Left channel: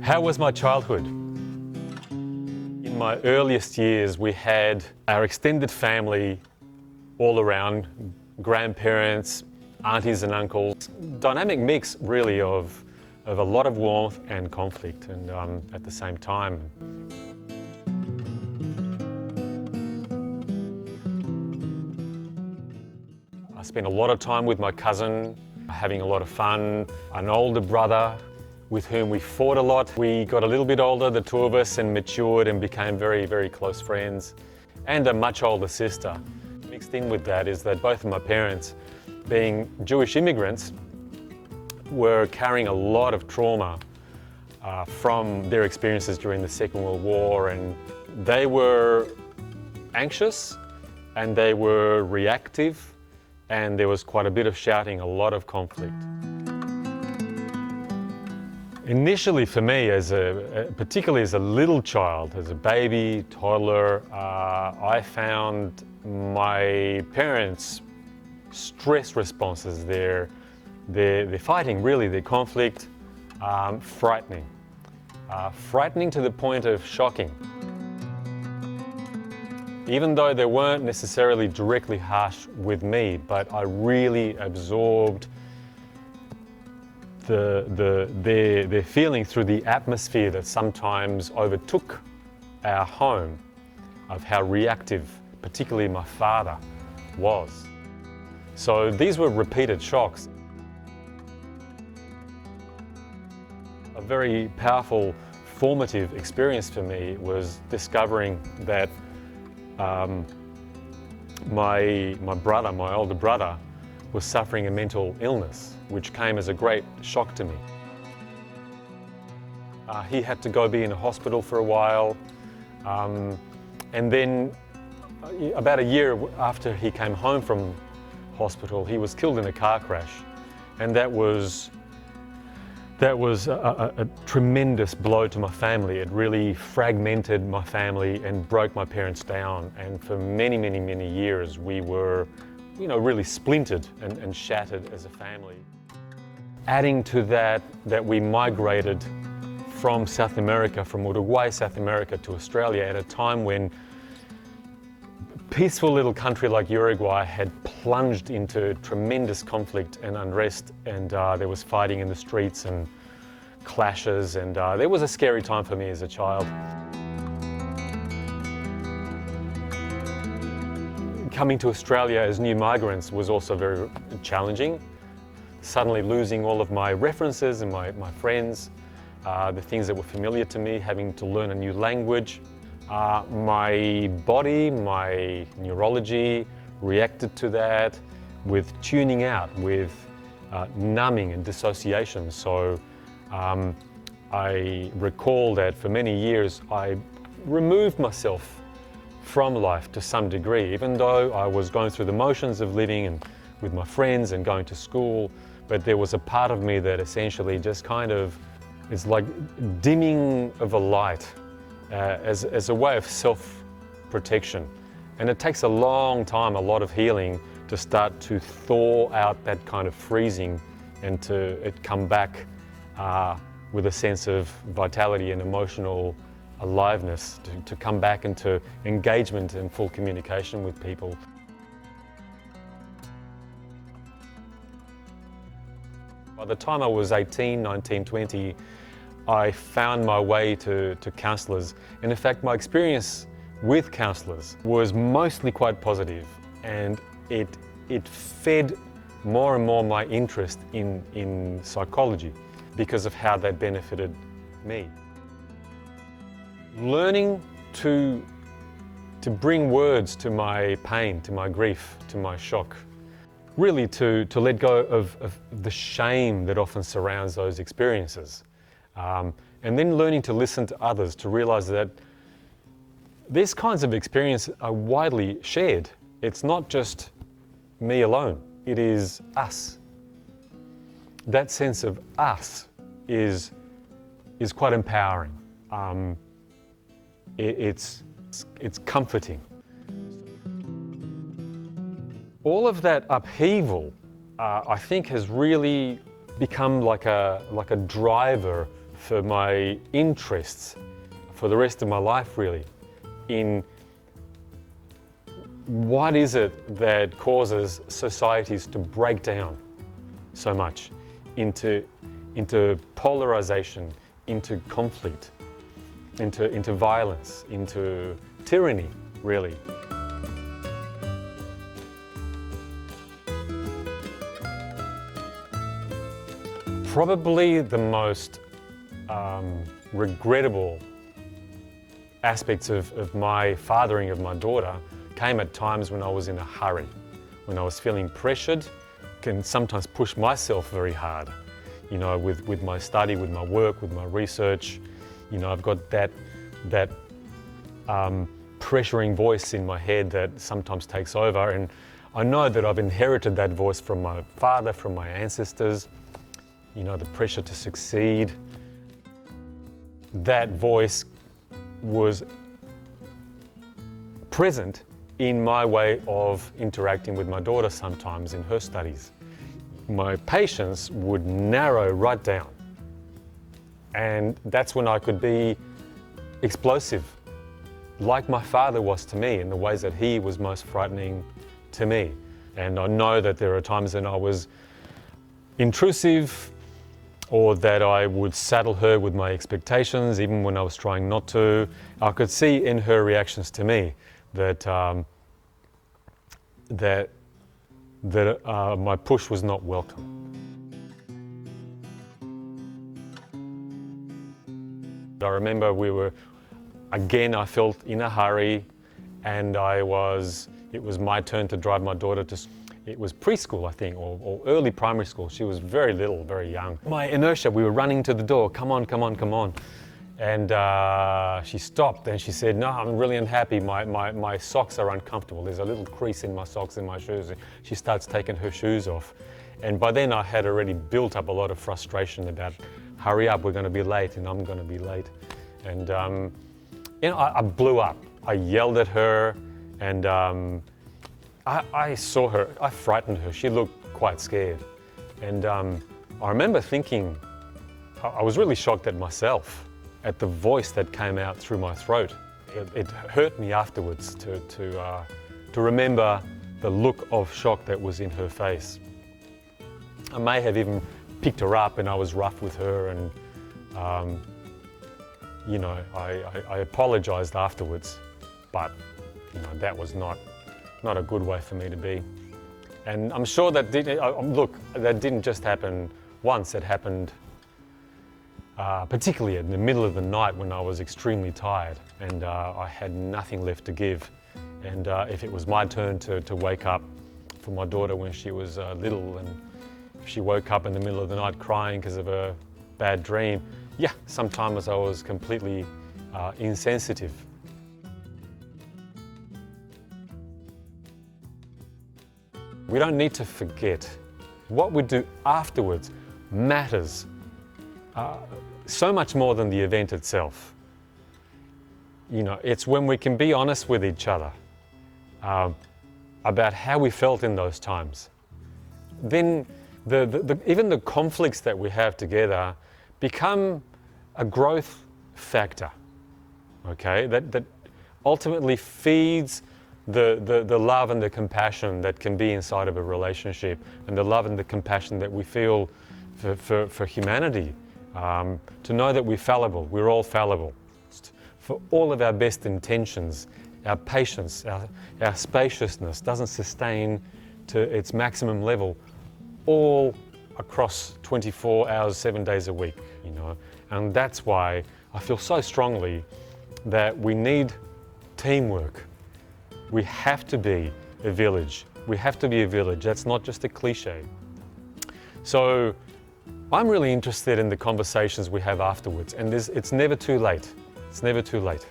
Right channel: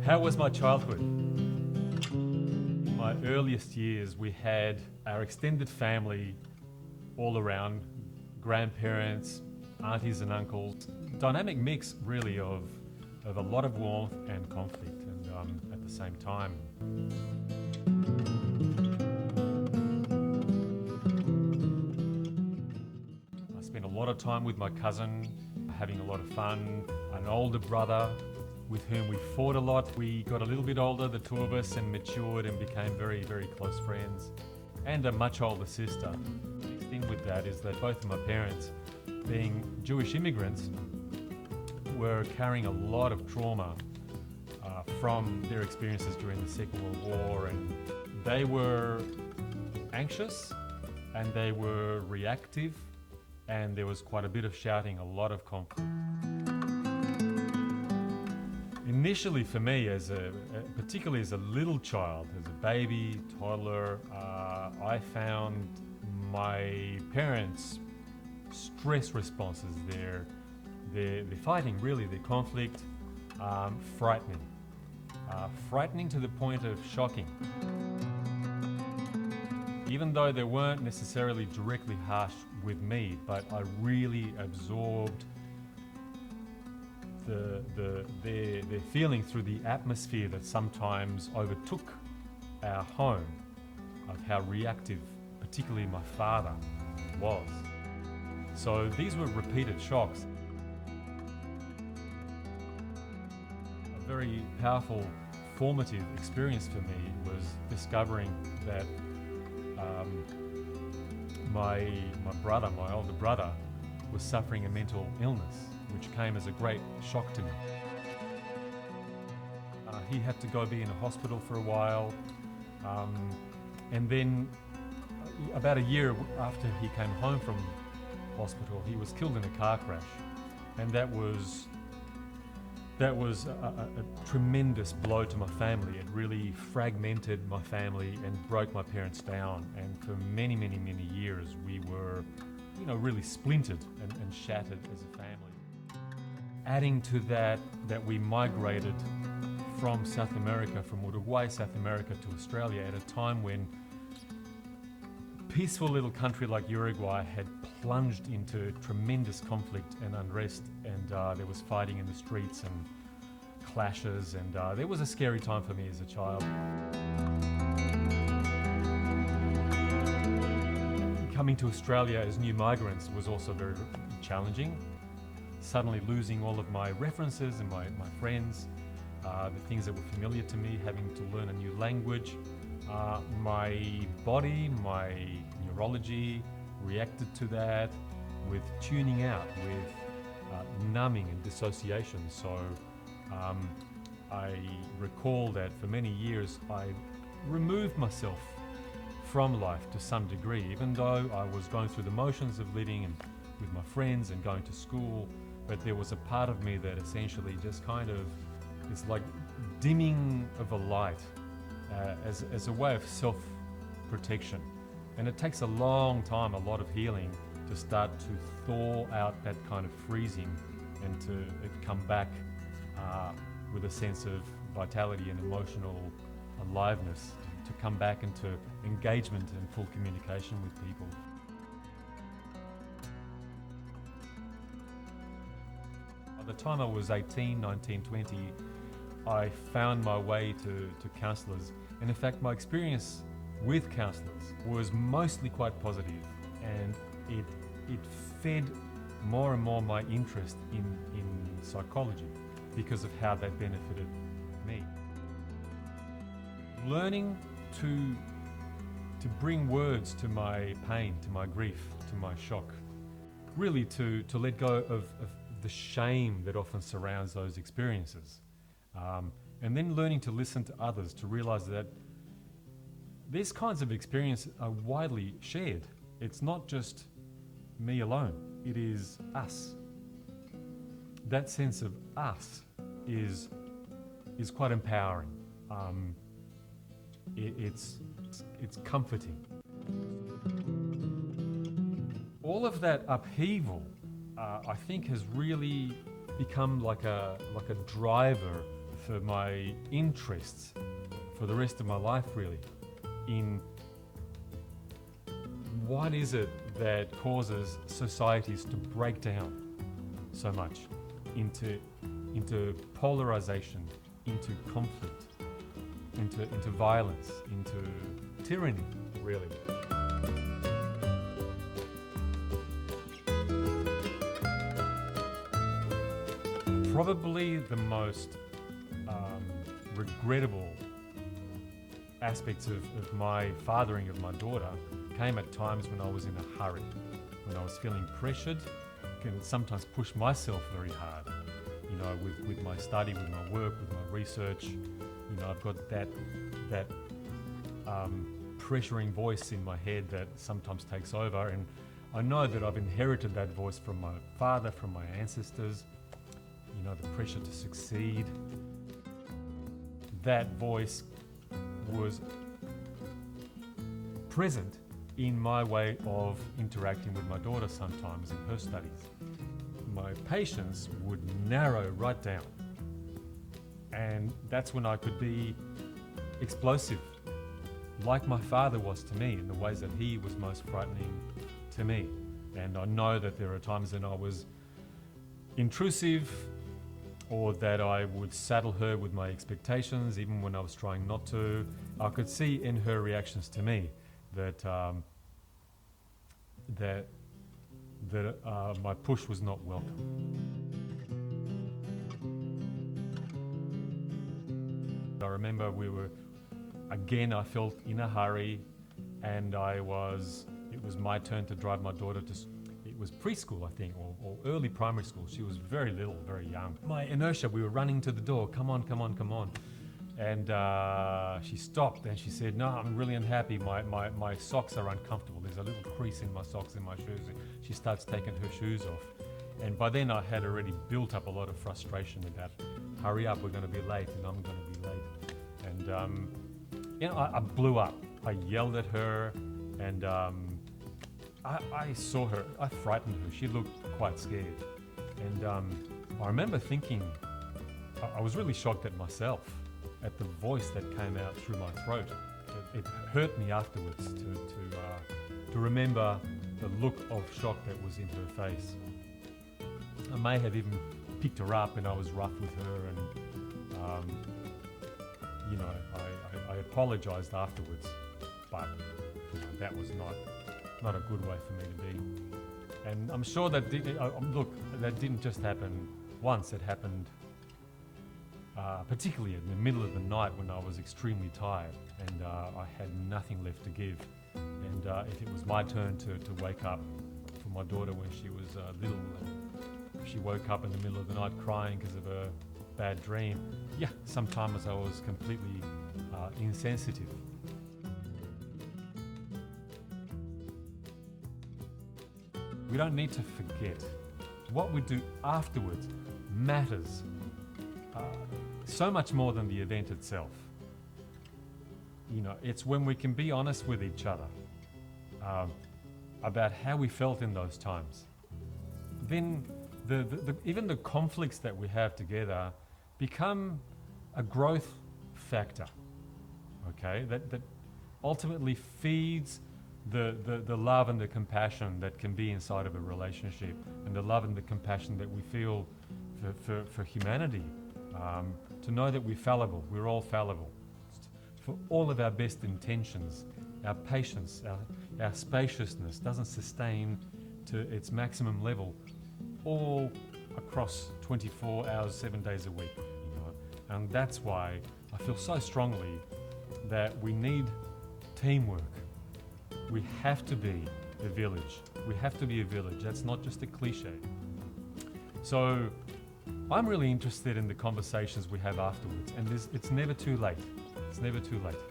How was my childhood? In my earliest years, we had our extended family all around, grandparents, aunties and uncles. Dynamic mix, really, of a lot of warmth and conflict, and at the same time. I spent a lot of time with my cousin, having a lot of fun. An older brother with whom we fought a lot. We got a little bit older, the two of us, and matured and became very, very close friends. And a much older sister. Mixed in with that is that both of my parents, being Jewish immigrants, were carrying a lot of trauma from their experiences during the Second World War, and they were anxious and they were reactive, and there was quite a bit of shouting, a lot of conflict. Initially for me, particularly as a little child, as a baby, toddler, I found my parents' stress responses, their fighting, really, their conflict, frightening. Frightening to the point of shocking. Even though they weren't necessarily directly harsh with me, but I really absorbed their feeling through the atmosphere that sometimes overtook our home, of how reactive, particularly my father, was. So these were repeated shocks. A very powerful formative experience for me was discovering that my older brother, was suffering a mental illness, which came as a great shock to me. He had to go be in a hospital for a while, and then about a year after he came home from hospital, he was killed in a car crash, and that was a tremendous blow to my family. It really fragmented my family and broke my parents down, and for many, many, many years we were, really splintered and shattered as a family. Adding to that we migrated from South America, from Uruguay, South America, to Australia at a time when a peaceful little country like Uruguay had plunged into tremendous conflict and unrest, and there was fighting in the streets and clashes, and there was a scary time for me as a child. Coming to Australia as new migrants was also very challenging. Suddenly losing all of my references and my friends, the things that were familiar to me, having to learn a new language. My body, my neurology reacted to that with tuning out, with numbing and dissociation. So I recall that for many years I removed myself from life to some degree, even though I was going through the motions of living and with my friends and going to school, but there was a part of me that essentially just kind of, it's like dimming of a light as a way of self-protection. And it takes a long time, a lot of healing, to start to thaw out that kind of freezing and to come back with a sense of vitality and emotional aliveness, to come back into engagement and full communication with people. By the time I was 18, 19, 20, I found my way to counsellors. And in fact, my experience with counsellors was mostly quite positive, and it fed more and more my interest in psychology because of how that benefited me. Learning to bring words to my pain, to my grief, to my shock. Really to let go of the shame that often surrounds those experiences. And then learning to listen to others, to realize that these kinds of experiences are widely shared. It's not just me alone, it is us. That sense of us is quite empowering. It's comforting. All of that upheaval, I think, has really become like a driver for my interests for the rest of my life, really, in what is it that causes societies to break down so much into polarization, into conflict, into violence, into tyranny, really. Probably the most regrettable aspects of my fathering of my daughter came at times when I was in a hurry, when I was feeling pressured, can sometimes push myself very hard, you know, with my study, with my work, with my research. You know, I've got that pressuring voice in my head that sometimes takes over, and I know that I've inherited that voice from my father, from my ancestors, you know, the pressure to succeed. That voice was present in my way of interacting with my daughter sometimes in her studies. My patience would narrow right down, and that's when I could be explosive, like my father was to me, in the ways that he was most frightening to me. And I know that there are times when I was intrusive, or that I would saddle her with my expectations, even when I was trying not to. I could see in her reactions to me that my push was not welcome. I remember I felt in a hurry, and it was my turn to drive my daughter to, it was preschool, I think, or early primary school. She was very little, very young. My inertia, we were running to the door, come on, come on, come on. And she stopped and she said, no, I'm really unhappy. My socks are uncomfortable. There's a little crease in my socks and my shoes. She starts taking her shoes off. And by then I had already built up a lot of frustration about, hurry up, we're going to be late, and I'm going to be late. And you know, I blew up. I yelled at her, and I saw her, I frightened her. She looked quite scared. And I remember thinking, I was really shocked at myself, at the voice that came out through my throat. It hurt me afterwards to remember the look of shock that was in her face. I may have even picked her up, and I was rough with her, and you know, I apologized afterwards, but you know, that was not a good way for me to be. And I'm sure that that didn't just happen once. It happened particularly in the middle of the night when I was extremely tired, and I had nothing left to give. And if it was my turn to wake up for my daughter when she was little, and if she woke up in the middle of the night crying because of a bad dream, yeah, sometimes I was completely insensitive. We don't need to forget. What we do afterwards matters so much more than the event itself. You know, it's when we can be honest with each other about how we felt in those times. Then even the conflicts that we have together become a growth factor, okay? That ultimately feeds the love and the compassion that can be inside of a relationship, and the love and the compassion that we feel for humanity. To know that we're fallible, we're all fallible. For all of our best intentions, our patience, our spaciousness doesn't sustain to its maximum level all across 24 hours, 7 days a week, you know. And that's why I feel so strongly that we need teamwork. We have to be a village. We have to be a village. That's not just a cliche. So I'm really interested in the conversations we have afterwards, and it's never too late. It's never too late.